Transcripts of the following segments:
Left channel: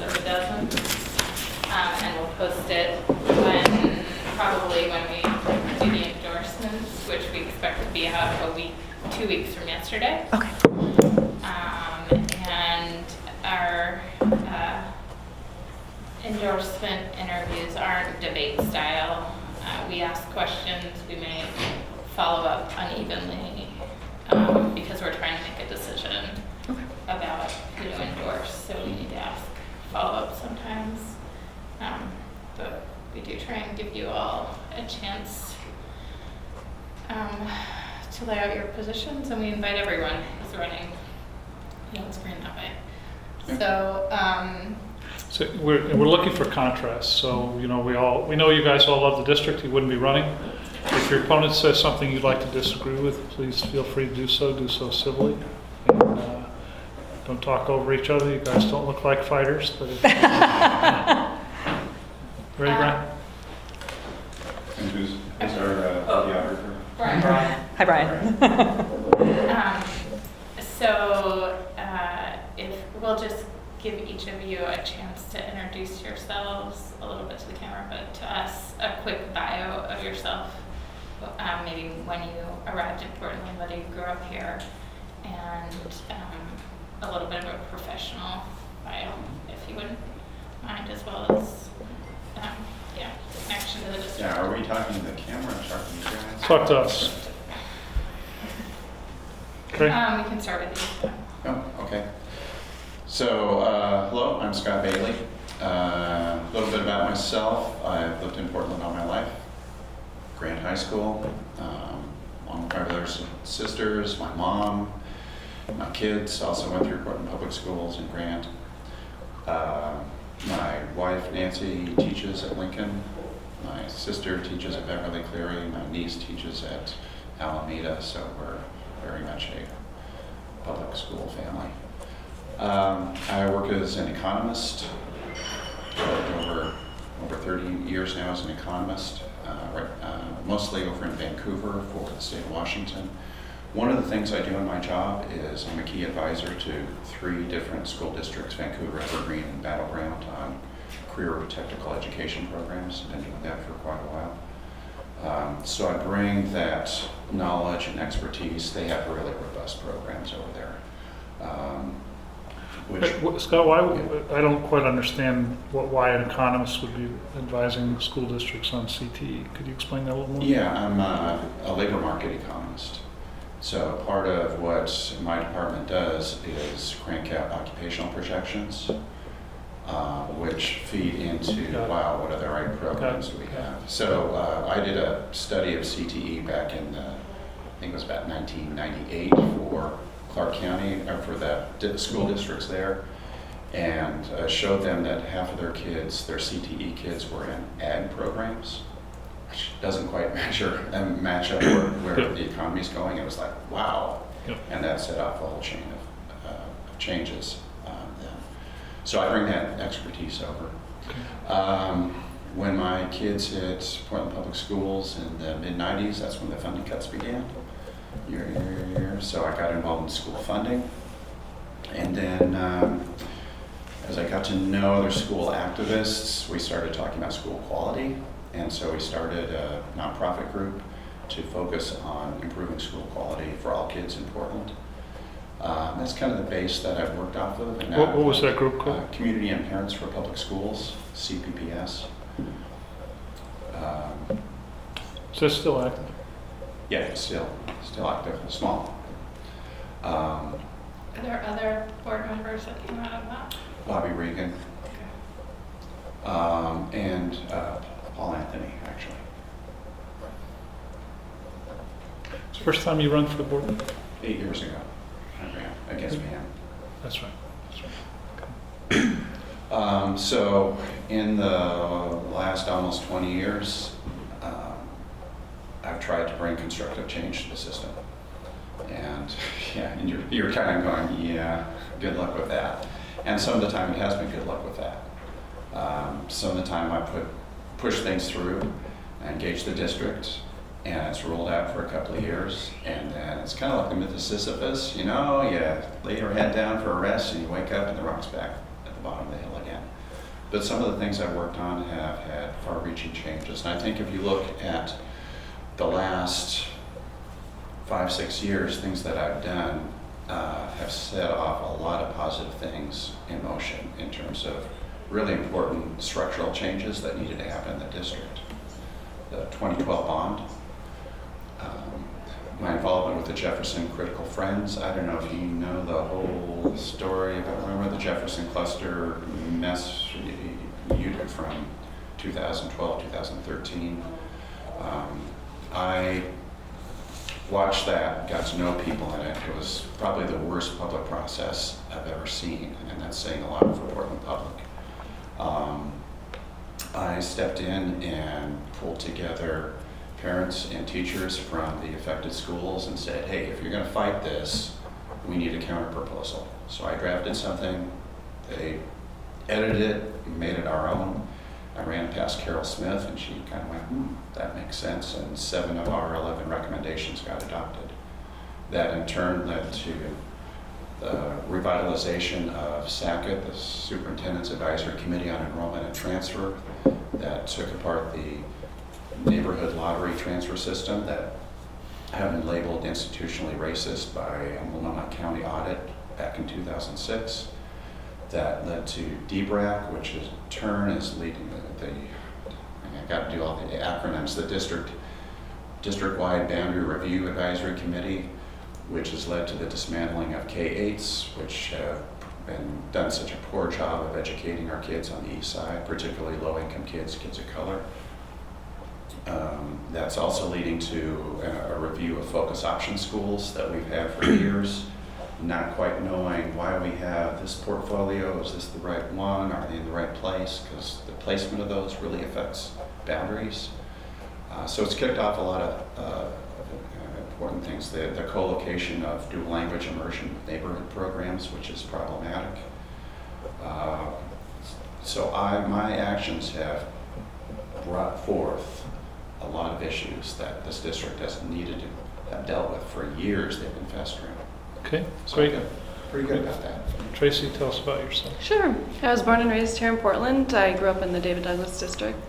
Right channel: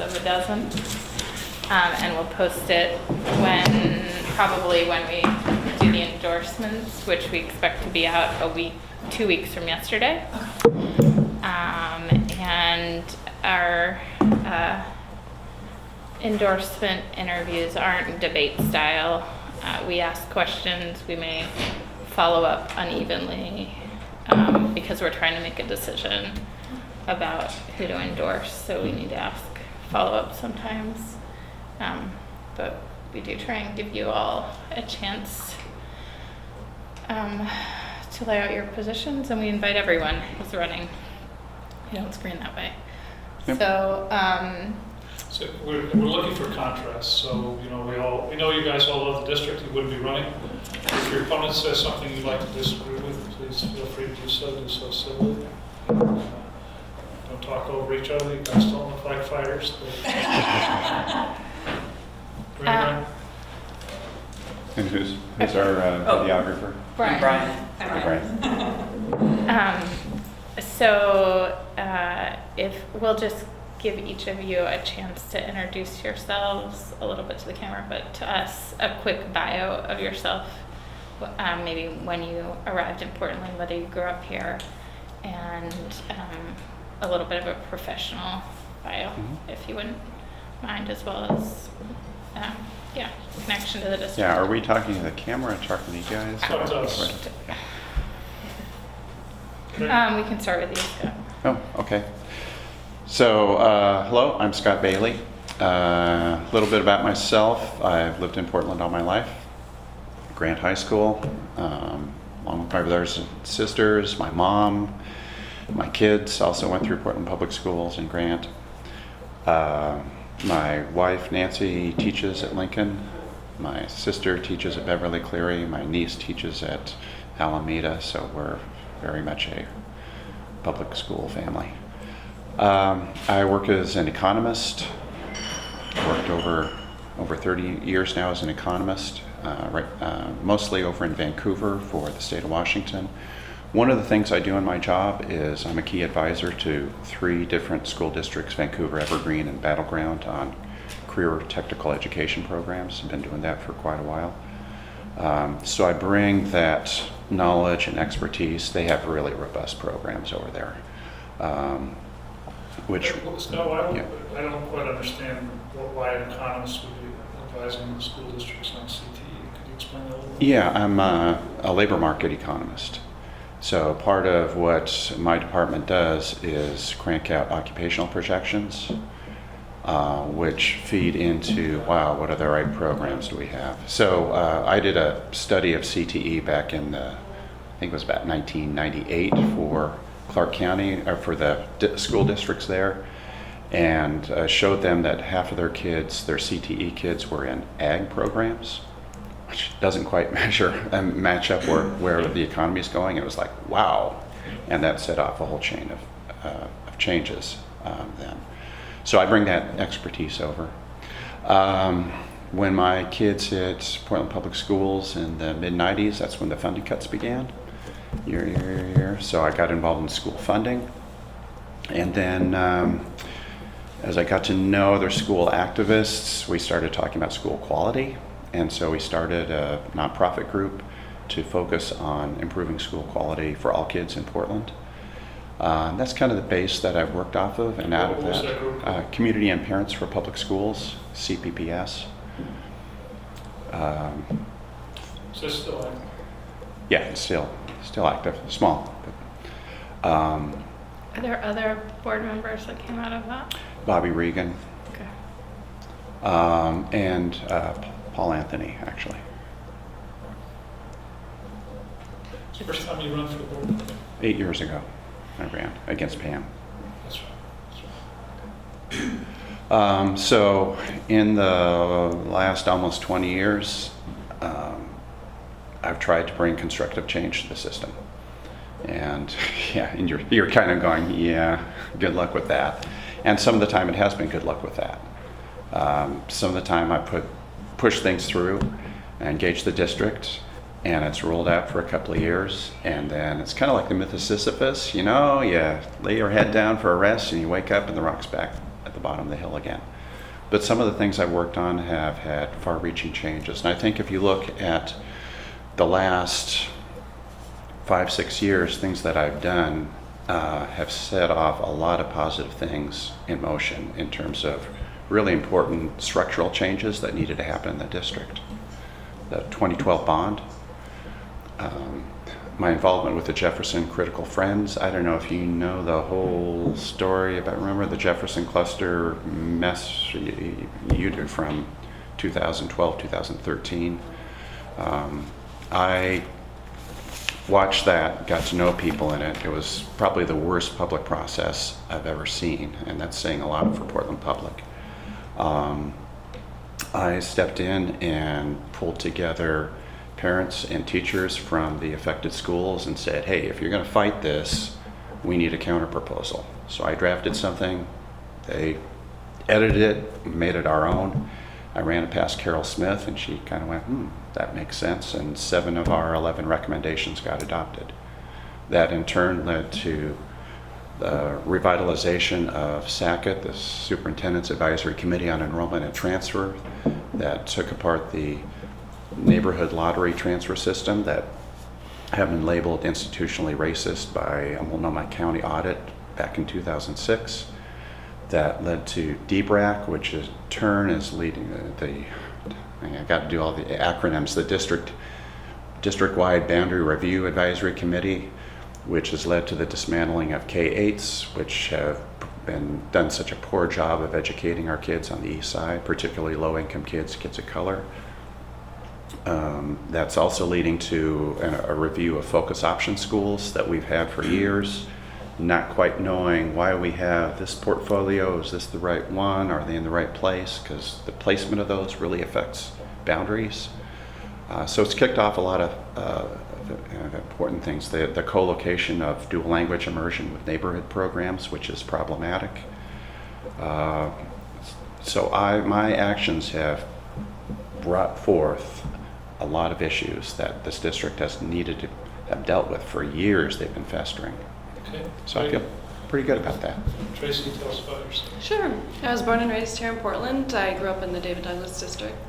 of a dozen. And we'll post it probably when we do the endorsements, which we expect to be out 2 weeks from yesterday. Okay. And our endorsement interviews aren't debate style. We ask questions, we may follow up unevenly because we're trying to make a decision about who to endorse, so we need to ask follow-up sometimes. But we do try and give you all a chance to lay out your positions, and we invite everyone who's running. We don't screen that way. Yep. So we're looking for contrast. So we know you guys all love the district. You wouldn't be running. If your opponent says something you'd like to disagree with, please feel free to do so. Do so civilly. And, don't talk over each other. You guys don't look like fighters. Ready, Brian? And who's our videographer? Brian. Hi, Brian. So if we'll just give each of you a chance to introduce yourselves a little bit to the camera, but to us, a quick bio of yourself, maybe when you arrived in Portland, whether you grew up here, and a little bit of a professional bio, if you wouldn't mind, as well as connection to the district. Yeah, are we talking to the camera or talking to you guys? Talk to us. Okay. We can start with you. Oh, okay. So, hello, I'm Scott Bailey. A little bit about myself. I've lived in Portland all my life. Grant High School, along with my brothers and sisters, my mom, my kids also went through Portland Public Schools in Grant. My wife, Nancy, teaches at Lincoln. My sister teaches at Beverly Cleary. My niece teaches at Alameda, so we're very much a public school family. I work as an economist. Worked over 30 years now as an economist, mostly over in Vancouver for the state of Washington. One of the things I do in my job is I'm a key advisor to 3 different school districts, Vancouver, Evergreen, and Battleground, on career technical education programs. I've been doing that for quite a while. So I bring that knowledge and expertise. They have really robust programs over there. Scott, I don't quite understand why an economist would be advising school districts on CTE. Could you explain that a little more? Yeah, I'm a labor market economist. So part of what my department does is crank out occupational projections, which feed into, wow, what are the right programs do we have? So I did a study of CTE back in, I think it was about 1998 for Clark County, for the school districts there, and showed them that half of their kids, their CTE kids, were in ag programs, which doesn't quite match up where the economy is going. It was like, wow. And that set off a whole chain of changes then. So I bring that expertise over. When my kids hit Portland Public Schools in the mid-90s, that's when the funding cuts began, year. So I got involved in school funding. And then as I got to know other school activists, we started talking about school quality. And so we started a nonprofit group to focus on improving school quality for all kids in Portland. That's kind of the base that I've worked off of. And what was that group called? Community and Parents for Public Schools, CPPS. So it's still active? Yeah, it's still active, small. Are there other board members that came out of that? Bobby Regan. Okay. And Paul Anthony, actually. It's the first time you run for the board? 8 years ago, I ran against Pam. That's right. So in the last almost 20 years, I've tried to bring constructive change to the system. And you're kind of going, yeah, good luck with that. And some of the time it has been good luck with that. Some of the time I push things through and engage the district, and it's rolled out for a couple of years, and then it's kind of like the myth of Sisyphus, you lay your head down for a rest and you wake up and the rock's back at the bottom of the hill again. But some of the things I've worked on have had far-reaching changes. And I think if you look at the last 5-6 years, things that I've done have set off a lot of positive things in motion in terms of really important structural changes that needed to happen in the district. The 2012 bond, my involvement with the Jefferson Critical Friends. I don't know if you know the whole story about, remember the Jefferson cluster mess you did from 2012, 2013. I watched that, got to know people in it. It was probably the worst public process I've ever seen, and that's saying a lot for Portland Public. I stepped in and pulled together parents and teachers from the affected schools and said, hey, if you're going to fight this, we need a counter proposal. So I drafted something, they edited it, made it our own. I ran it past Carol Smith and she kind of went, that makes sense, and 7 of our 11 recommendations got adopted. That in turn led to the revitalization of SACIT, the Superintendent's Advisory Committee on Enrollment and Transfer, that took apart the neighborhood lottery transfer system that had been labeled institutionally racist by a Multnomah County audit back in 2006. That led to DBRAC, which in turn is leading I got to do all the acronyms, the District-Wide Boundary Review Advisory Committee, which has led to the dismantling of K-8s, which have done such a poor job of educating our kids on the east side, particularly low-income kids, kids of color. That's also leading to a review of focus option schools that we've had for years, not quite knowing why we have this portfolio. Is this the right one? Are they in the right place? Because the placement of those really affects boundaries. So it's kicked off a lot of important things. The co-location of dual language immersion with neighborhood programs, which is problematic. So my actions have brought forth a lot of issues that this district has needed to have dealt with for years. They've been festering. Okay, So I feel pretty good about that. Tracy, tell us about yourself. Sure. I was born and raised here in Portland. I grew up in the David Douglas district.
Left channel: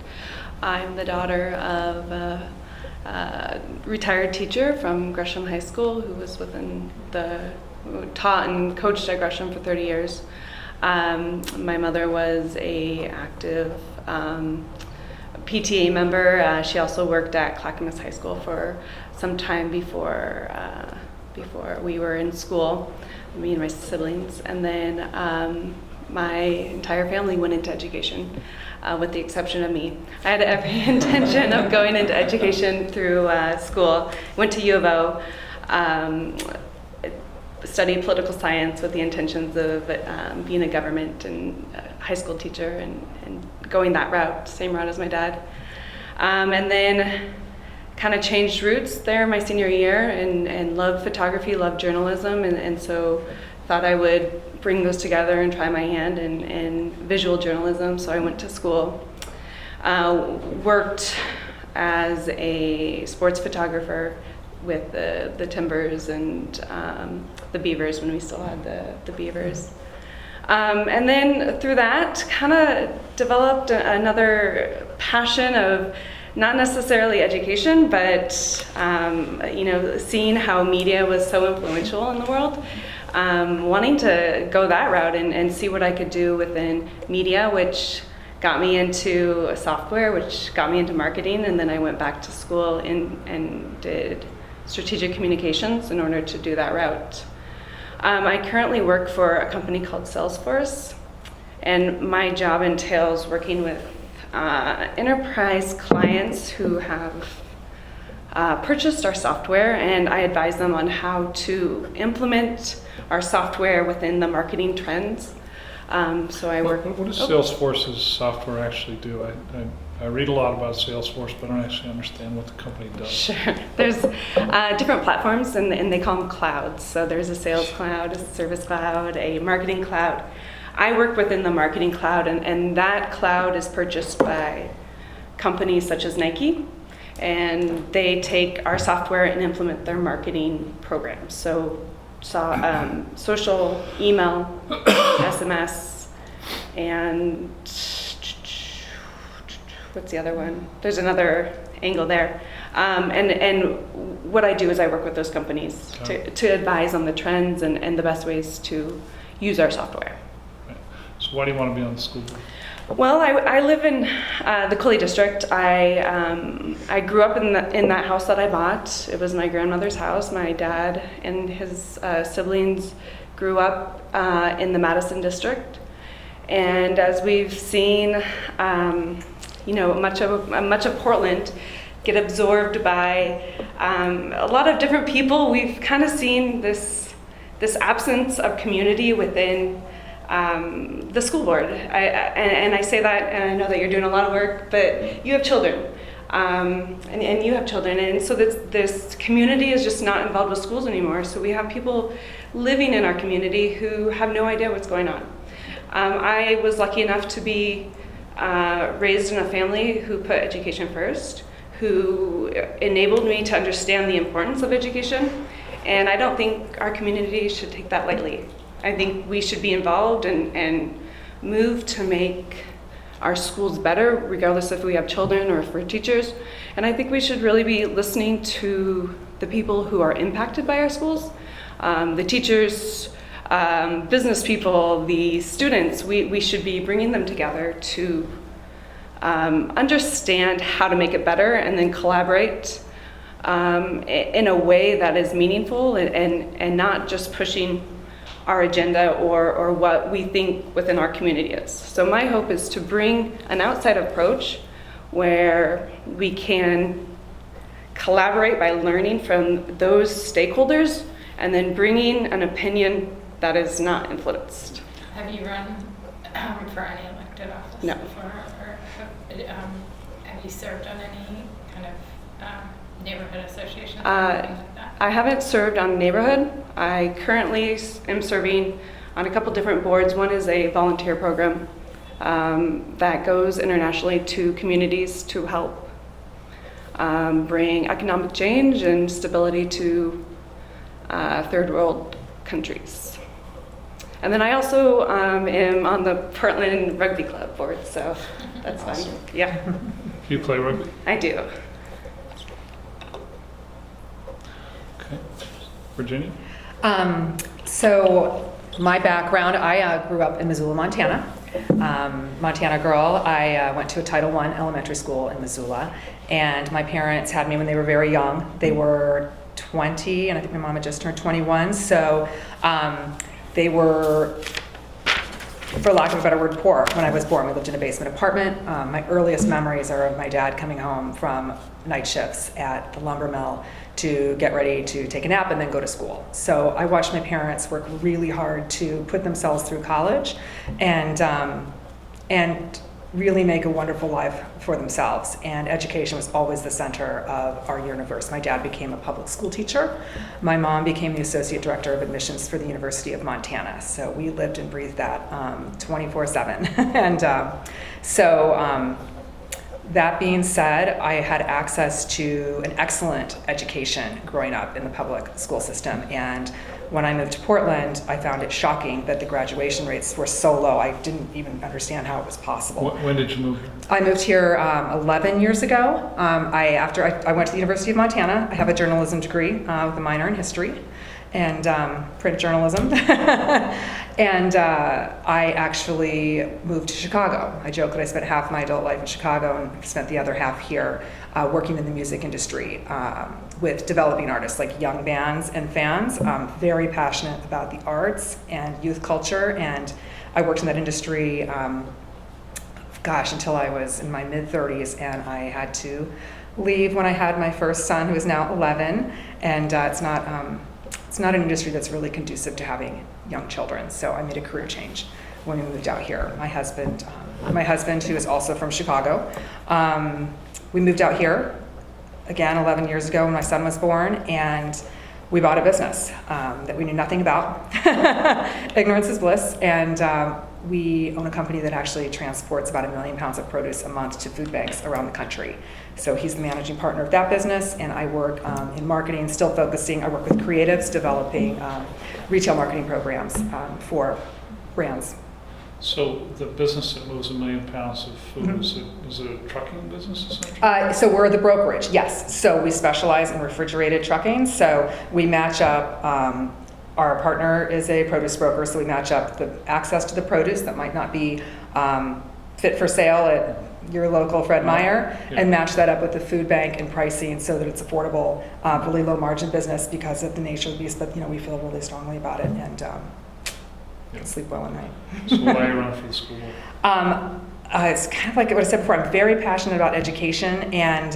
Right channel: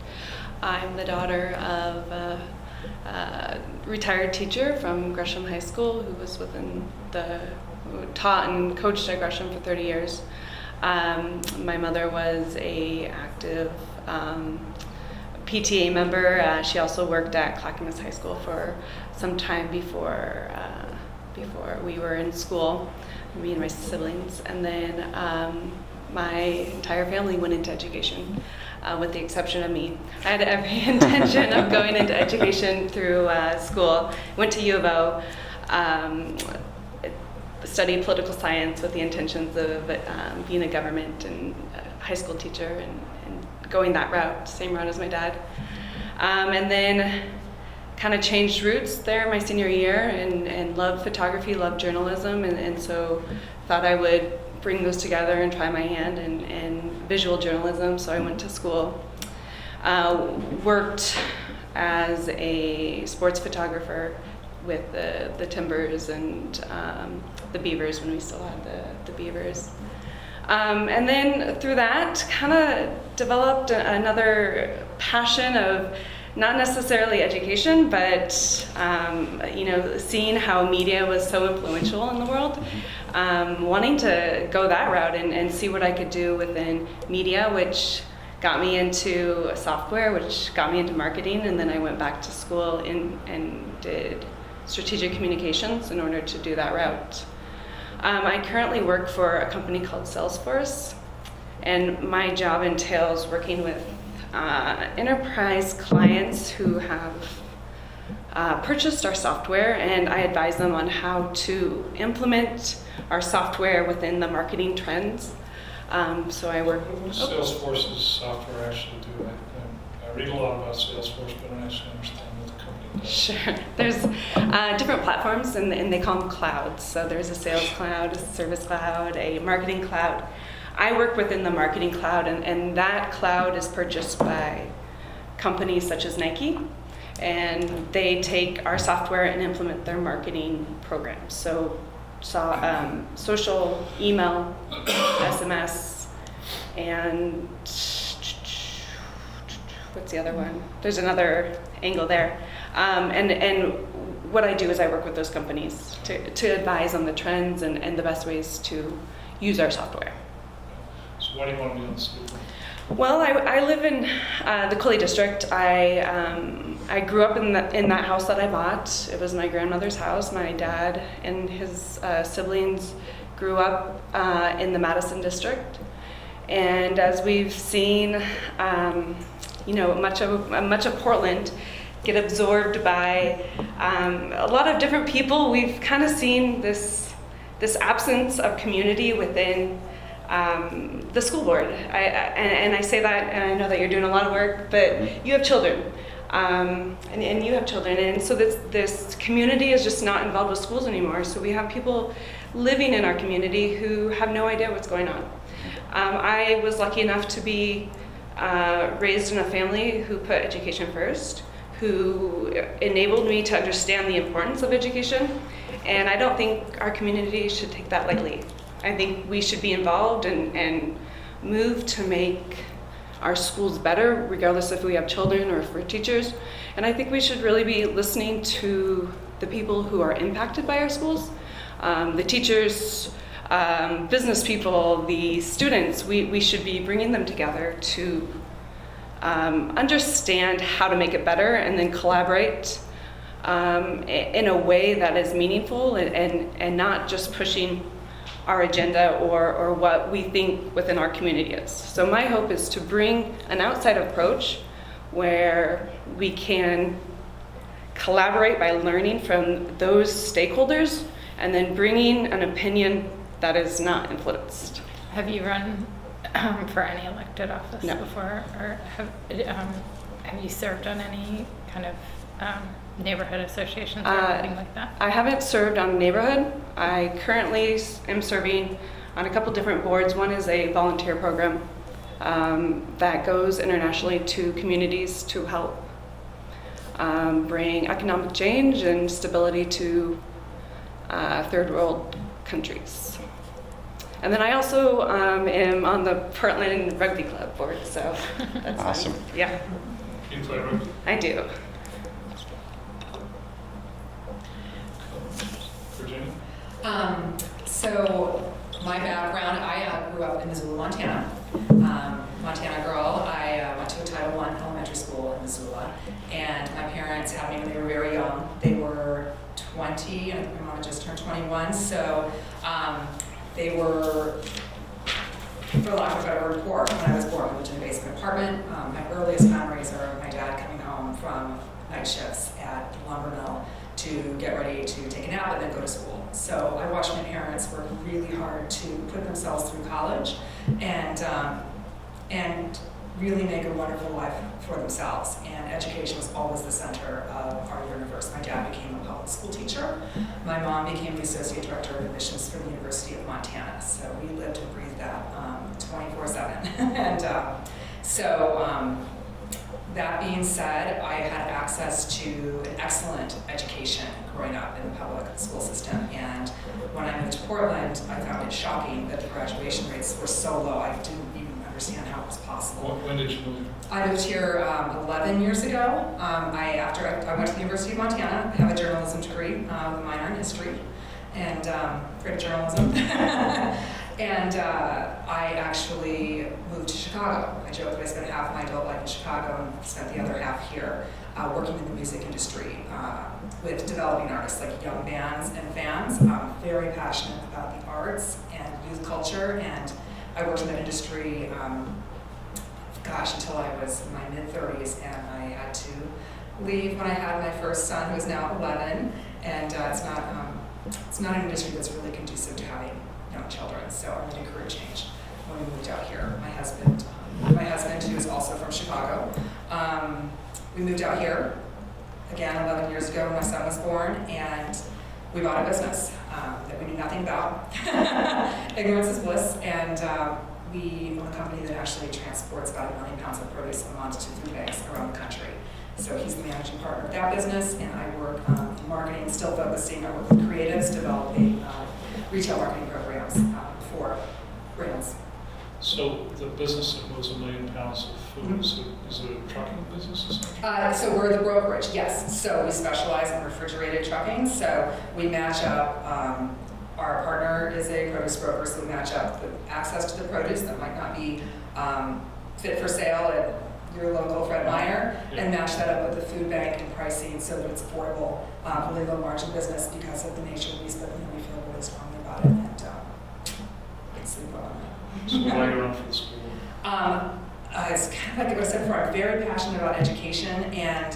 I'm the daughter of a retired teacher from Gresham High School who who taught and coached at Gresham for 30 years. My mother was a active PTA member. She also worked at Clackamas High School for some time before we were in school, me and my siblings. And then my entire family went into education, with the exception of me. I had every intention of going into education through school. Went to U of O, studied political science with the intentions of being a government and high school teacher and going that route, same route as my dad. And then kind of changed routes there my senior year and loved photography, loved journalism, and so thought I would bring those together and try my hand in visual journalism. So I went to school, worked as a sports photographer with the Timbers and the Beavers when we still had the Beavers. And then through that, kind of developed another passion of not necessarily education, but seeing how media was so influential in the world, wanting to go that route and see what I could do within media, which got me into software, which got me into marketing, and then I went back to school and did strategic communications in order to do that route. I currently work for a company called Salesforce, and my job entails working with enterprise clients who have purchased our software, and I advise them on how to implement our software within the marketing trends. So I work. What does Salesforce's software actually do? I read a lot about Salesforce, but I don't actually understand what the company does. Sure. There's different platforms, and they call them clouds. So there's a sales cloud, a service cloud, a marketing cloud. I work within the marketing cloud, and that cloud is purchased by companies such as Nike, and they take our software and implement their marketing programs. So social, email, SMS, and what's the other one? There's another angle there. And what I do is I work with those companies to advise on the trends and the best ways to use our software. So why do you want to be on the school board? Well, I live in the Cully district. I grew up in that house that I bought. It was my grandmother's house. My dad and his siblings grew up in the Madison district, and as we've seen, much of Portland get absorbed by a lot of different people, we've kind of seen this absence of community within the school board. And I say that, and I know that you're doing a lot of work, but you have children, and you have children, and so this community is just not involved with schools anymore. So we have people living in our community who have no idea what's going on. I was lucky enough to be raised in a family who put education first, who enabled me to understand the importance of education, and I don't think our community should take that lightly. I think we should be involved and move to make our schools better, regardless if we have children or if we're teachers. And I think we should really be listening to the people who are impacted by our schools, the teachers, business people, the students. We should be bringing them together to understand how to make it better and then collaborate in a way that is meaningful and not just pushing our agenda or what we think within our community is. So my hope is to bring an outside approach where we can collaborate by learning from those stakeholders and then bringing an opinion that is not influenced. Have you run for any elected office No. before, or have you served on any kind of neighborhood associations or anything like that? I haven't served on neighborhood. I currently am serving on a couple different boards. One is a volunteer program that goes internationally to communities to help bring economic change and stability to third world countries. And then I also am on the Portland Rugby Club board, so that's Awesome. fun. Yeah, You play rugby? I do. Okay. Virginia? So my background, I grew up in Missoula, Montana. Montana girl. I went to a Title I elementary school in Missoula, and my parents had me when they were very young. They were 20, and I think my mom had just turned 21. So they were, for lack of a better word, poor when I was born. We lived in a basement apartment. My earliest memories are of my dad coming home from night shifts at the lumber mill to get ready to take a nap and then go to school. So I watched my parents work really hard to put themselves through college and really make a wonderful life for themselves. And education was always the center of our universe. My dad became a public school teacher. My mom became the associate director of admissions for the University of Montana. So we lived and breathed that 24/7. And that being said, I had access to an excellent education growing up in the public school system. And when I moved to Portland, I found it shocking that the graduation rates were so low. I didn't even understand how it was possible. When did you move? I moved here 11 years ago. After I went to the University of Montana. I have a journalism degree with a minor in history and print journalism. And I actually moved to Chicago. I joke that I spent half my adult life in Chicago and spent the other half here working in the music industry with developing artists like young bands and fans. Very passionate about the arts and youth culture, and I worked in that industry until I was in my mid-30s, and I had to leave when I had my first son, who is now 11, and it's not an industry that's really conducive to having young children, so I made a career change when we moved out here. My husband, who is also from Chicago, we moved out here, again, 11 years ago when my son was born, and we bought a business that we knew nothing about. Ignorance is bliss, and we own a company that actually transports about 1 million pounds of produce a month to food banks around the country. So he's the managing partner of that business, and I work in marketing, still focusing. I work with creatives, developing retail marketing programs for brands. So the business that moves 1 million pounds of food, Mhm. is it a trucking business essentially? So we're the brokerage, yes. So we specialize in refrigerated trucking. So we match up, our partner is a produce broker, so we match up the access to the produce that might not be fit for sale at your local Fred Meyer, Yeah. and match that up with the food bank and pricing so that it's affordable, really low margin business because of the nature of these, but we feel really strongly about it and can sleep well at night. So why are you running for the school board? It's kind of like what I said before. I'm very passionate about education, and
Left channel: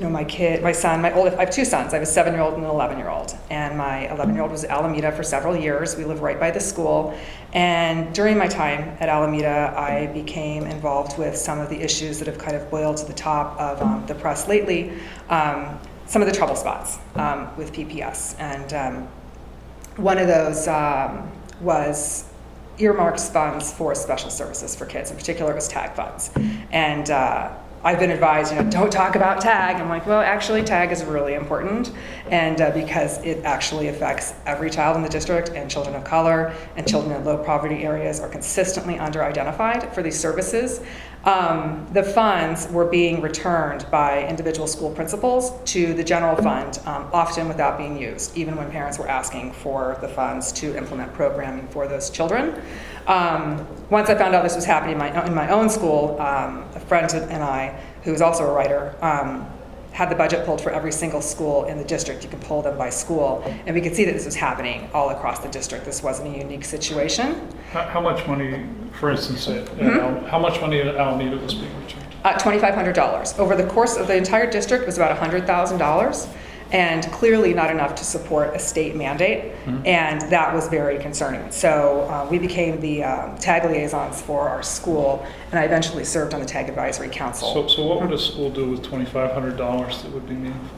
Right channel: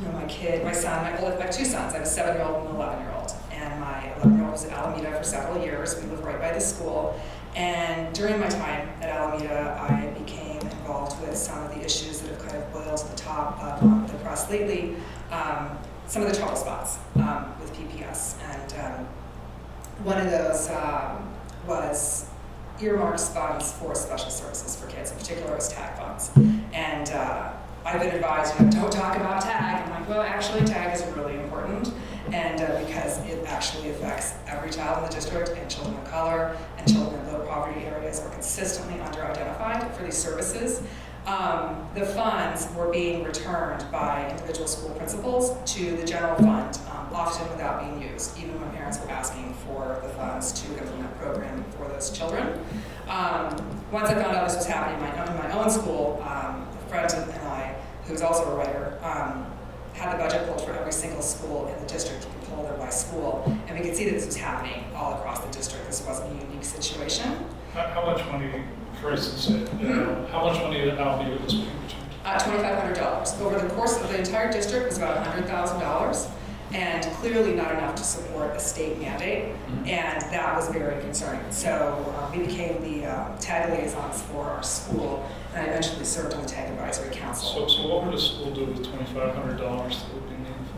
my son, I have 2 sons. I have a 7-year-old and an 11-year-old, and my 11-year-old was at Alameda for several years. We live right by the school, and during my time at Alameda, I became involved with some of the issues that have kind of boiled to the top of the press lately. Some of the trouble spots with PPS, and one of those was earmarks funds for special services for kids. In particular, it was TAG funds. And I've been advised, don't talk about TAG. I'm like, well, actually, TAG is really important, and because it actually affects every child in the district, and children of color and children in low poverty areas are consistently under-identified for these services. The funds were being returned by individual school principals to the general fund, often without being used, even when parents were asking for the funds to implement programming for those children. Once I found out this was happening in my own school, a friend and I, who was also a writer, had the budget pulled for every single school in the district. You could pull them by school, and we could see that this was happening all across the district. This wasn't a unique situation. How much money, for instance, how much money at Alameda was being returned? $2,500. Over the course of the entire district was about $100,000, and clearly not enough to support a state mandate, and that was very concerning. So we became the TAG liaisons for our school, and I eventually served on the TAG Advisory Council. So what would a school do with $2,500 that would be meaningful?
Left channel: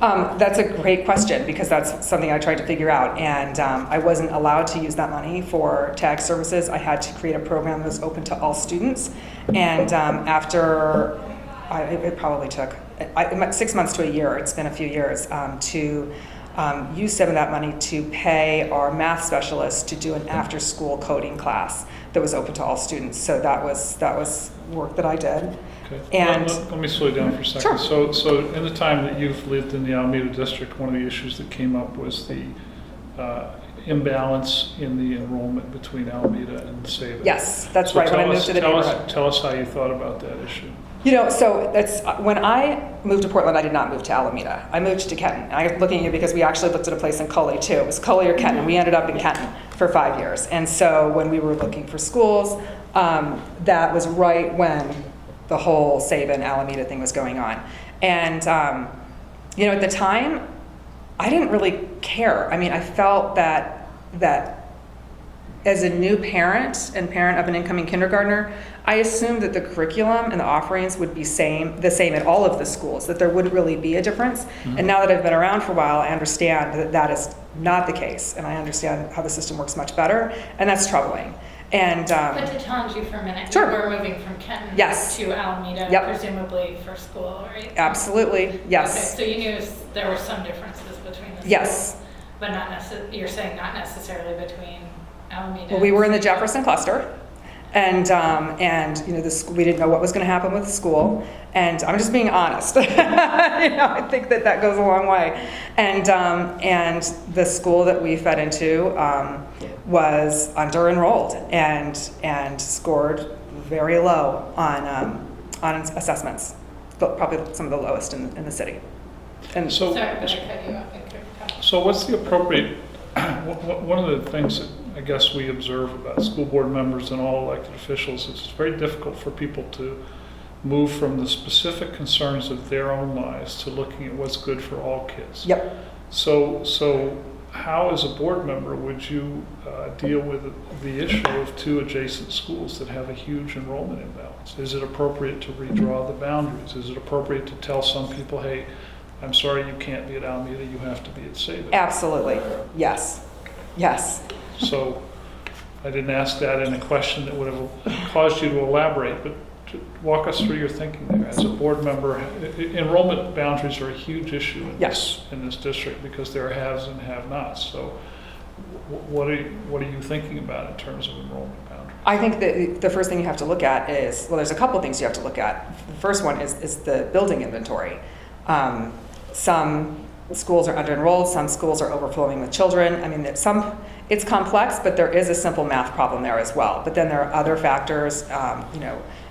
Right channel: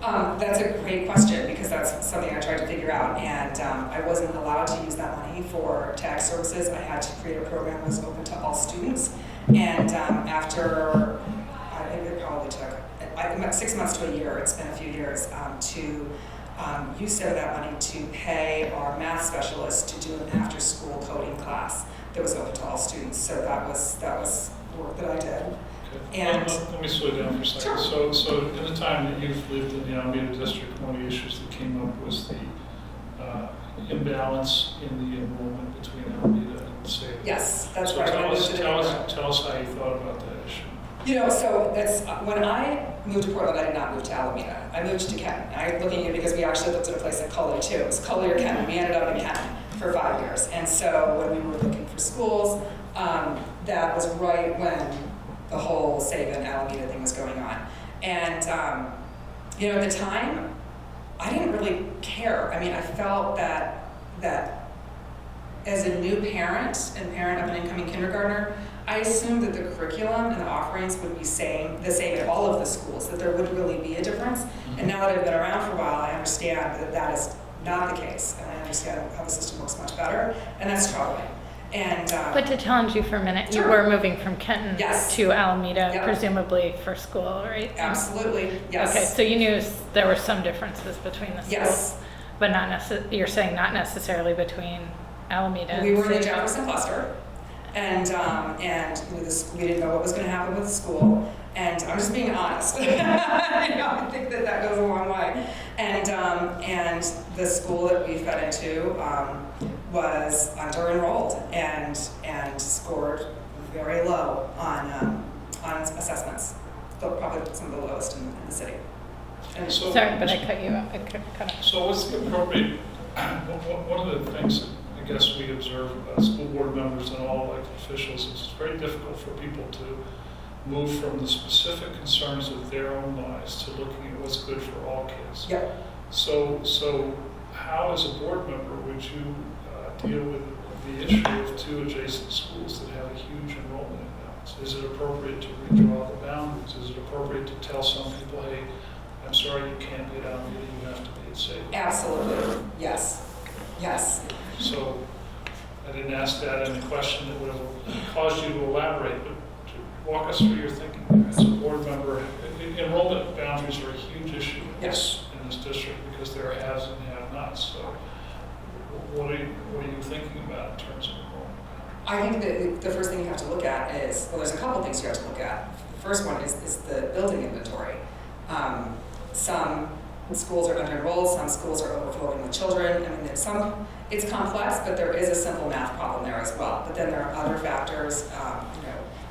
That's a great question, because that's something I tried to figure out, and I wasn't allowed to use that money for TAG services. I had to create a program that was open to all students, and after it probably took 6 months to a year, it's been a few years, to use some of that money to pay our math specialists to do an after-school coding class that was open to all students. So that was work that I did. Okay. And let me slow you down for a second. Sure. So in the time that you've lived in the Alameda district, one of the issues that came up was the imbalance in the enrollment between Alameda and Salem. Yes, that's So right. tell When I us, moved to the tell neighborhood. us, tell us how you thought about that issue. So that's when I moved to Portland. I did not move to Alameda. I moved to Kenton. And I'm looking at it because we actually looked at a place in Coley too. It was Coley or Kenton. We ended up in Kenton for 5 years. And so when we were looking for schools, that was right when the whole Sabin Alameda thing was going on. And at the time, I didn't really care. I mean, I felt that as a new parent and parent of an incoming kindergartner, I assumed that the curriculum and the offerings would be the same at all of the schools, that there would really be a difference. Mm-hmm. And now that I've been around for a while, I understand that that is not the case, and I understand how the system works much better, and that's troubling. And But to challenge you for a minute, Sure. you were moving from Kenton Yes. to Alameda, Yep. presumably for school, right? absolutely, yes. Okay, so you knew there were some differences between the schools. Yes. But you're saying not necessarily between Alameda. Well, we were in the and Jefferson cluster, and we didn't know what was going to happen with the school. And I'm just being honest. I think that goes a long way. And the school that we fed into was under-enrolled and scored very low on assessments, but probably some of the lowest in the city. And So, Sorry, but I cut you off. I cut off. So what's the appropriate, one of the things that I guess we observe about school board members and all elected officials is it's very difficult for people to move from the specific concerns of their own lives to looking at what's good for all kids. Yep. So how, as a board member, would you deal with the issue of 2 adjacent schools that have a huge enrollment imbalance? Is it appropriate to redraw the boundaries? Is it appropriate to tell some people, hey, I'm sorry you can't be at Alameda, you have to be at Salem? Absolutely. Yes. Yes. So I didn't ask that in a question that would have caused you to elaborate, but to walk us through your thinking there. As a board member, enrollment boundaries are a huge issue in this district because there are haves and have-nots. So what are you thinking about in terms of enrollment boundaries? I think that the first thing you have to look at is, well, there's a couple of things you have to look at. The first one is the building inventory. Some schools are under-enrolled, some schools are overflowing with children. I mean, it's complex, but there is a simple math problem there as well. But then there are other factors,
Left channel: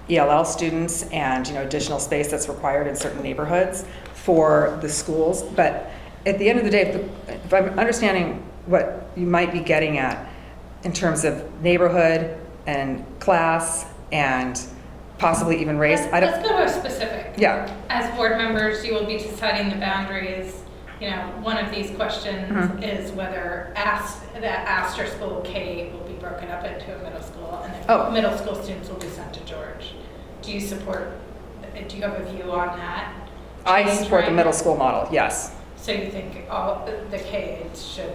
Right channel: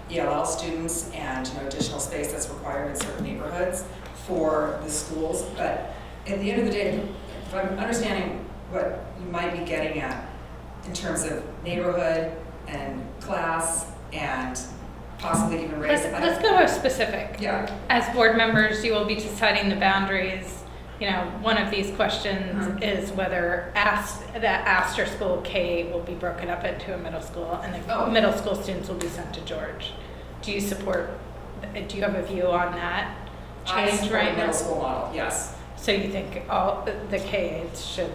ELL students and, additional space that's required in certain neighborhoods for the schools. But at the end of the day, if I'm understanding what you might be getting at in terms of neighborhood and class and possibly even race. Let's go more specific. Yeah. As board members, you will be deciding the boundaries. One of these questions is whether the Astor School K will be broken up into a middle school, and the middle school students will be sent to George. Do you have a view on that? I support the middle school model, yes. So you think all the K-8s should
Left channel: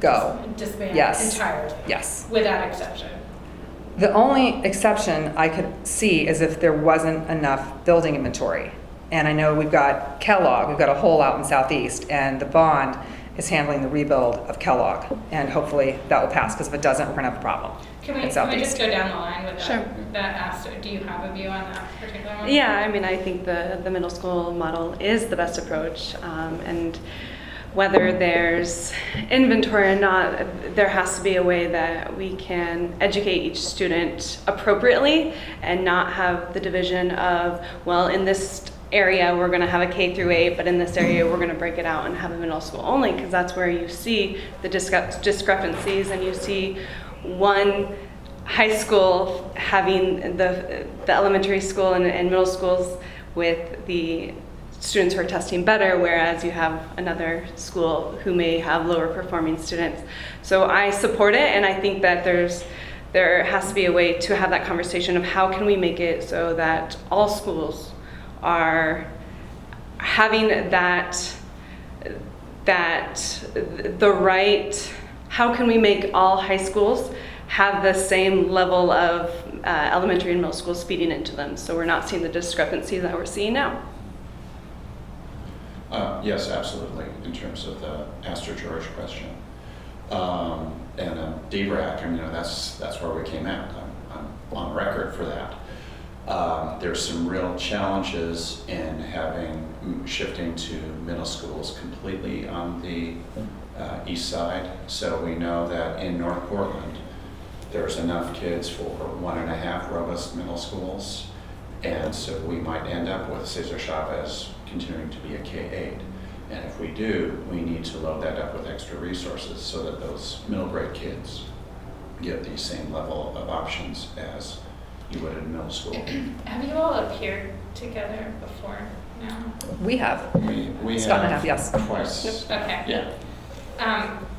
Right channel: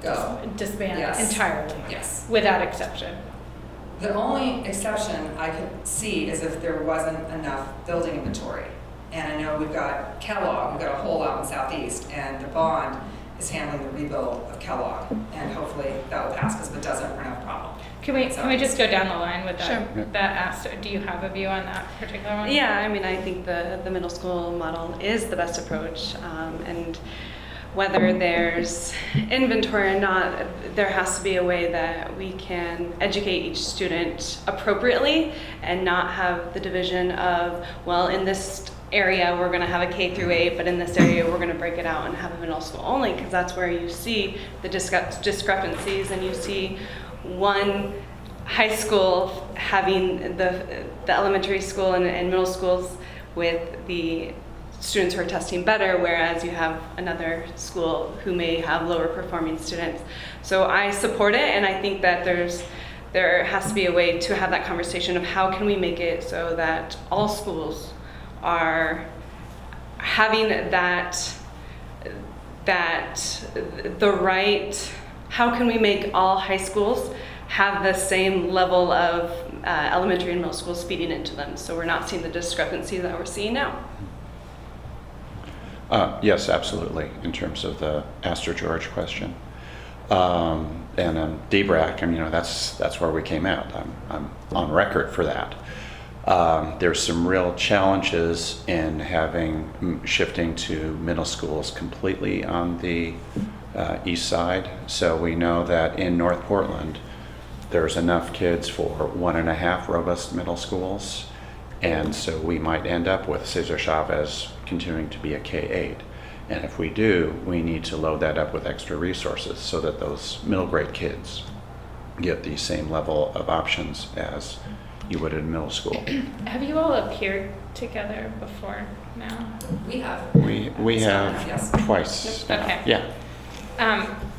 go disband yes. entirely? Yes. Without exception? The only exception I could see is if there wasn't enough building inventory. And I know we've got Kellogg, we've got a hole out in Southeast, and the bond is handling the rebuild of Kellogg. And hopefully that will pass, because if it doesn't, we're going to have a problem. Can we just go down the line with that? Sure. That Astor? Do you have a view on that particular one? Yeah, I mean, I think the middle school model is the best approach, and whether there's inventory or not, there has to be a way that we can educate each student appropriately and not have the division of, well, in this area we're going to have a K through 8, but in this area we're going to break it out and have a middle school only, because that's where you see the discrepancies, and you see one high school having the elementary school and middle schools with the students who are testing better, whereas you have another school who may have lower performing students. So I support it, and I think that there has to be a way to have that conversation of how can we make it so that all schools are having how can we make all high schools have the same level of elementary and middle schools feeding into them, so we're not seeing the discrepancy that we're seeing now. Yes, absolutely, in terms of the Astor George question. And DBRAC, I mean, that's where we came out. I'm on record for that. There's some real challenges in shifting to middle schools completely on the east side. So we know that in North Portland, there's enough kids for 1.5 robust middle schools. And so we might end up with Cesar Chavez continuing to be a K-8. And if we do, we need to load that up with extra resources so that those middle grade kids get the same level of options as you would in middle school. Have you all appeared together before now? We have. We Scott have and I, yes. twice. Okay. Yeah.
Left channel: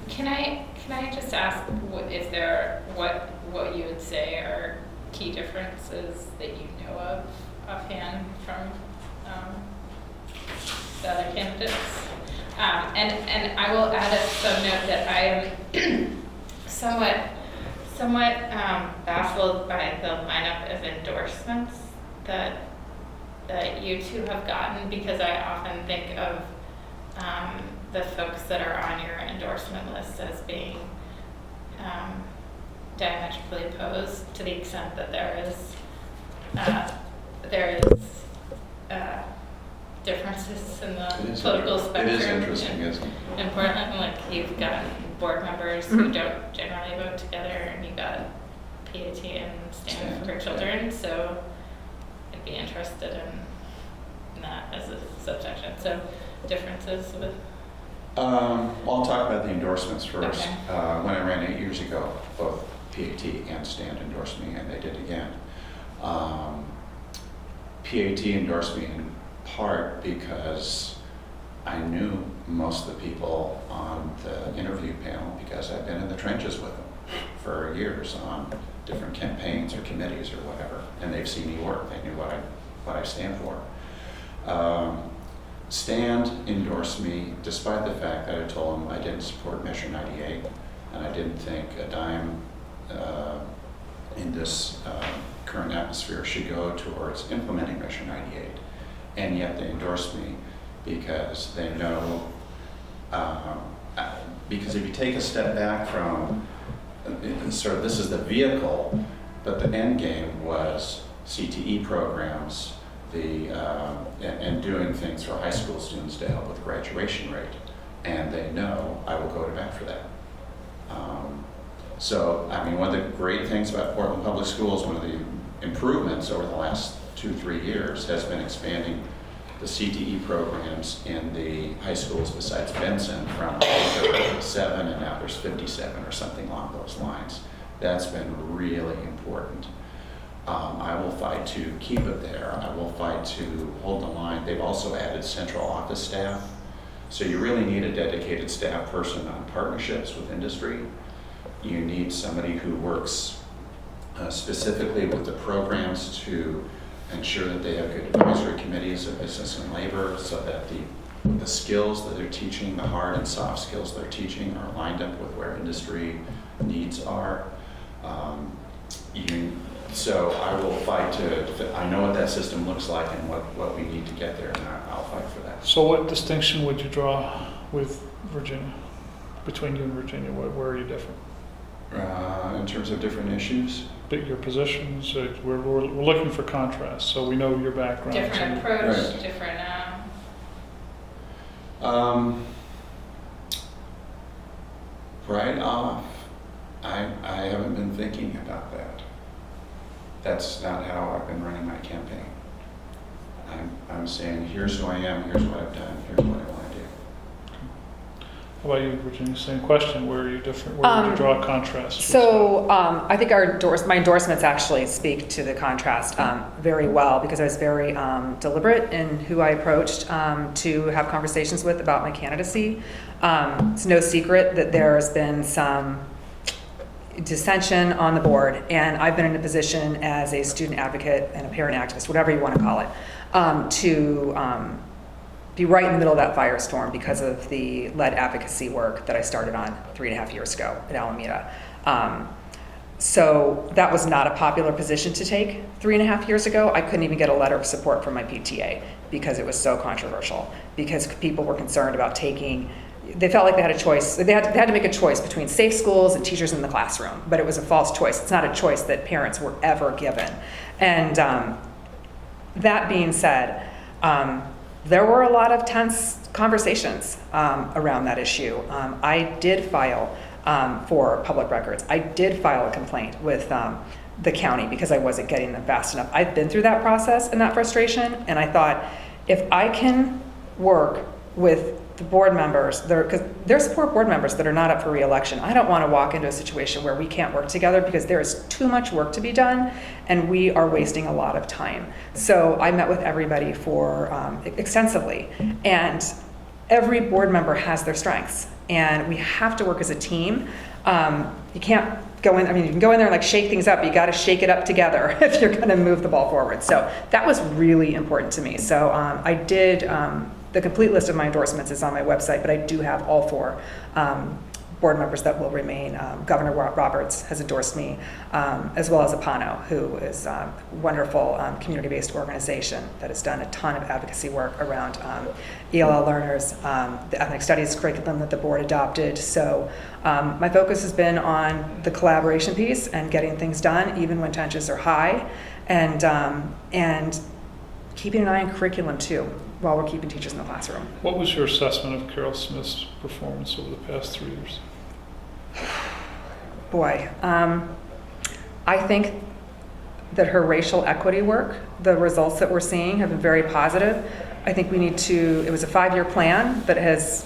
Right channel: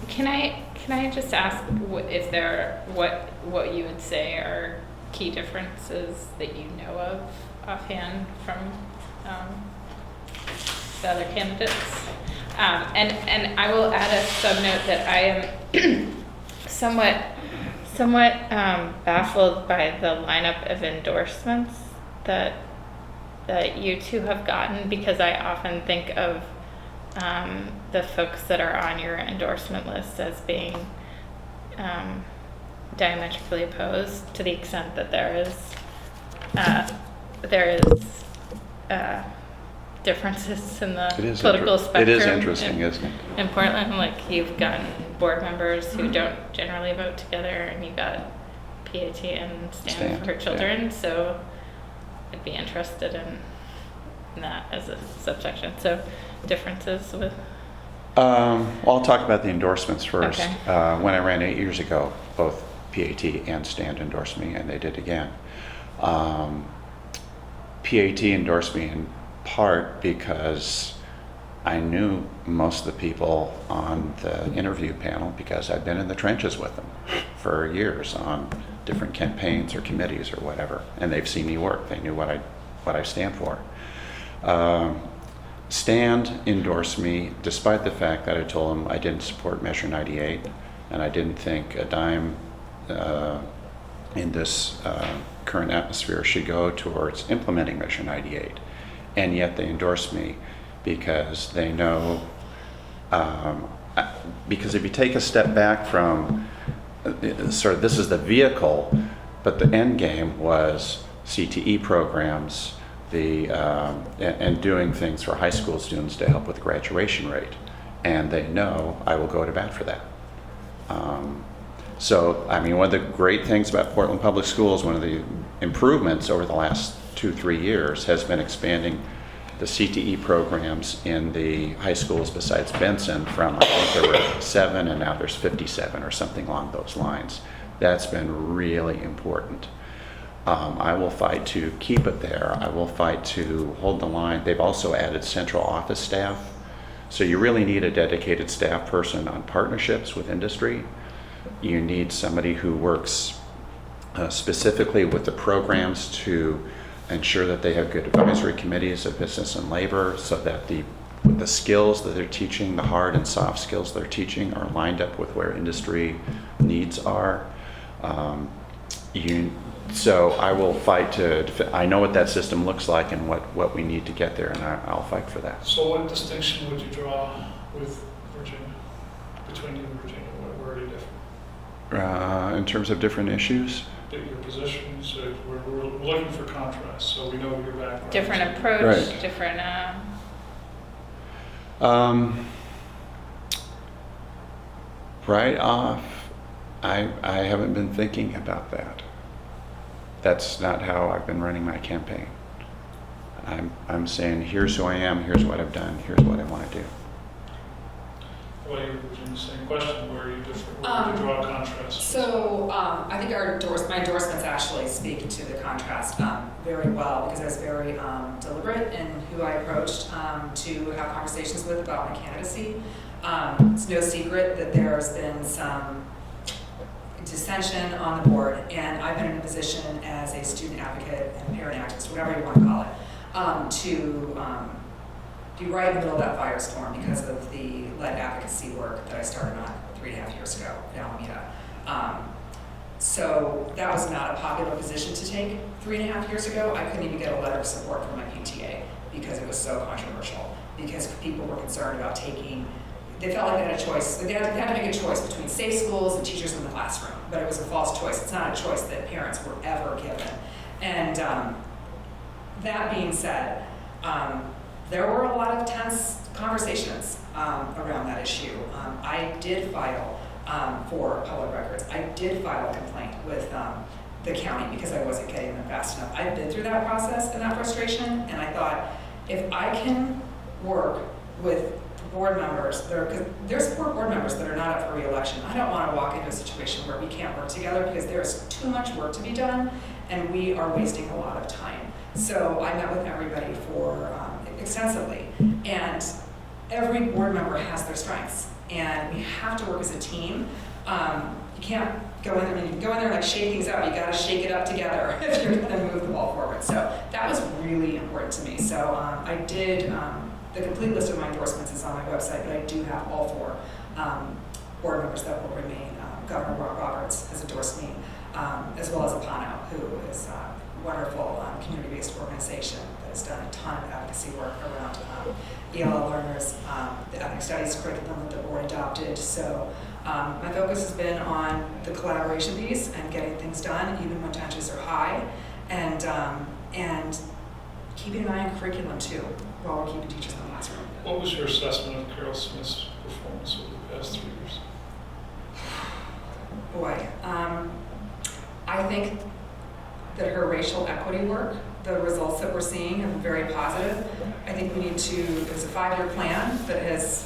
Can I just ask what you would say are key differences that you know of offhand from the other candidates? And I will add a subnote that I am somewhat baffled by the lineup of endorsements that you two have gotten, because I often think of the folks that are on your endorsement list as being diametrically opposed, to the extent that there is differences in the political spectrum. It is interesting, isn't it? In Portland, like, you've gotten board members who don't generally vote together, and you got PAT and Stand for Children. Yeah. So I'd be interested in that as a subsection. So differences with. I'll talk about the endorsements first. Okay. When I ran 8 years ago, both PAT and Stand endorsed me, and they did again. PAT endorsed me in part because I knew most of the people on the interview panel, because I've been in the trenches with them for years on different campaigns or committees or whatever, and they've seen me work. They knew what I stand for. Stand endorsed me despite the fact that I told them I didn't support Measure 98, and I didn't think a dime in this current atmosphere should go towards implementing Measure 98. And yet they endorsed me because they know, because if you take a step back from sort of this is the vehicle, But the end game was CTE programs, and doing things for high school students to help with graduation rate. And they know I will go to bat for that. So, I mean, one of the great things about Portland Public Schools, one of the improvements over the last 2-3 years has been expanding the CTE programs in the high schools besides Benson from, I think there were 7 and now there's 57 or something along those lines. That's been really important. I will fight to keep it there. I will fight to hold the line. They've also added central office staff. So you really need a dedicated staff person on partnerships with industry. You need somebody who works specifically with the programs to ensure that they have good advisory committees of business and labor, so that the skills that they're teaching, the hard and soft skills they're teaching, are lined up with where industry needs are. So I will fight to, I know what that system looks like and what we need to get there, and I'll fight for that. So what distinction would you draw with Virginia, between you and Virginia? Where are you different? In terms of different issues? Your positions, we're looking for contrast, so we know your background. Different approach, Right. different. Right off, I haven't been thinking about that. That's not how I've been running my campaign. I'm saying, here's who I am, here's what I've done, here's what I want to do. How about you, Virginia? Same question. Where are you different? Where would you draw a contrast? So I think my endorsements actually speak to the contrast very well, because I was very deliberate in who I approached to have conversations with about my candidacy. It's no secret that there's been some dissension on the board, and I've been in a position as a student advocate and a parent activist, whatever you want to call it, to be right in the middle of that firestorm because of the lead advocacy work that I started on 3.5 years ago at Alameda. So that was not a popular position to take 3.5 years ago. I couldn't even get a letter of support from my PTA because it was so controversial, because people were concerned about they felt like they had a choice. They had to make a choice between safe schools and teachers in the classroom, but it was a false choice. It's not a choice that parents were ever given. And that being said, there were a lot of tense conversations around that issue. I did file for public records. I did file a complaint with the county because I wasn't getting them fast enough. I've been through that process and that frustration, and I thought, if I can work with the board members, because there's 4 board members that are not up for re-election. I don't want to walk into a situation where we can't work together, because there is too much work to be done and we are wasting a lot of time. So I met with everybody extensively, and every board member has their strengths, and we have to work as a team. You can't go in, you can go in there and shake things up, but you got to shake it up together if you're going to move the ball forward. So that was really important to me. So I did, the complete list of my endorsements is on my website, but I do have all 4 board members that will remain. Governor Roberts has endorsed me, as well as Apano, who is a wonderful community-based organization that has done a ton of advocacy work around ELL learners, the ethnic studies curriculum that the board adopted. So my focus has been on the collaboration piece and getting things done, even when tensions are high, and keeping an eye on curriculum too, while we're keeping teachers in the classroom. What was your assessment of Carol Smith's performance over the past 3 years? Boy, I think that her racial equity work, the results that we're seeing have been very positive. I think it was a 5-year plan that has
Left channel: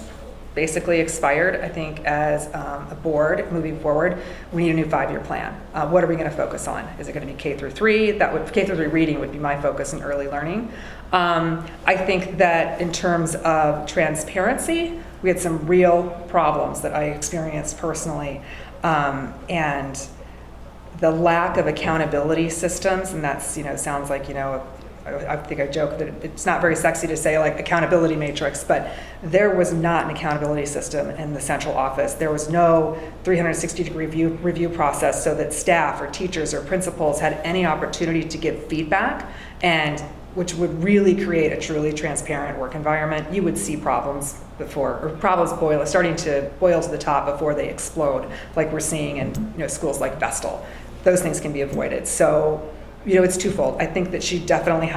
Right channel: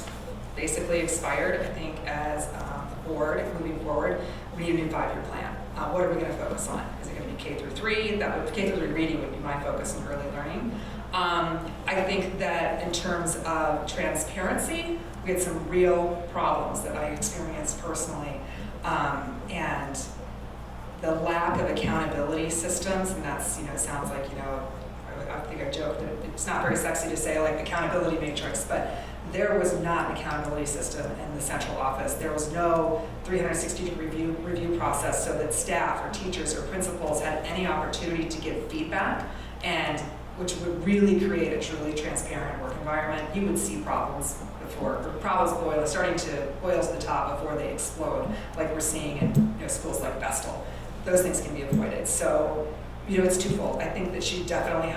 basically expired. I think as a board moving forward, we need a new 5-year plan. What are we going to focus on? Is it going to be K through 3? K through 3 reading would be my focus in early learning. I think that in terms of transparency, we had some real problems that I experienced personally, and the lack of accountability systems, and that's, sounds like, I think I joke that it's not very sexy to say accountability matrix, but there was not an accountability system in the central office. There was no 360-degree review process so that staff or teachers or principals had any opportunity to give feedback, and which would really create a truly transparent work environment. You would see problems starting to boil to the top before they explode, like we're seeing in schools like Vestal. those things can be avoided. So, you know, it's twofold. I think that she definitely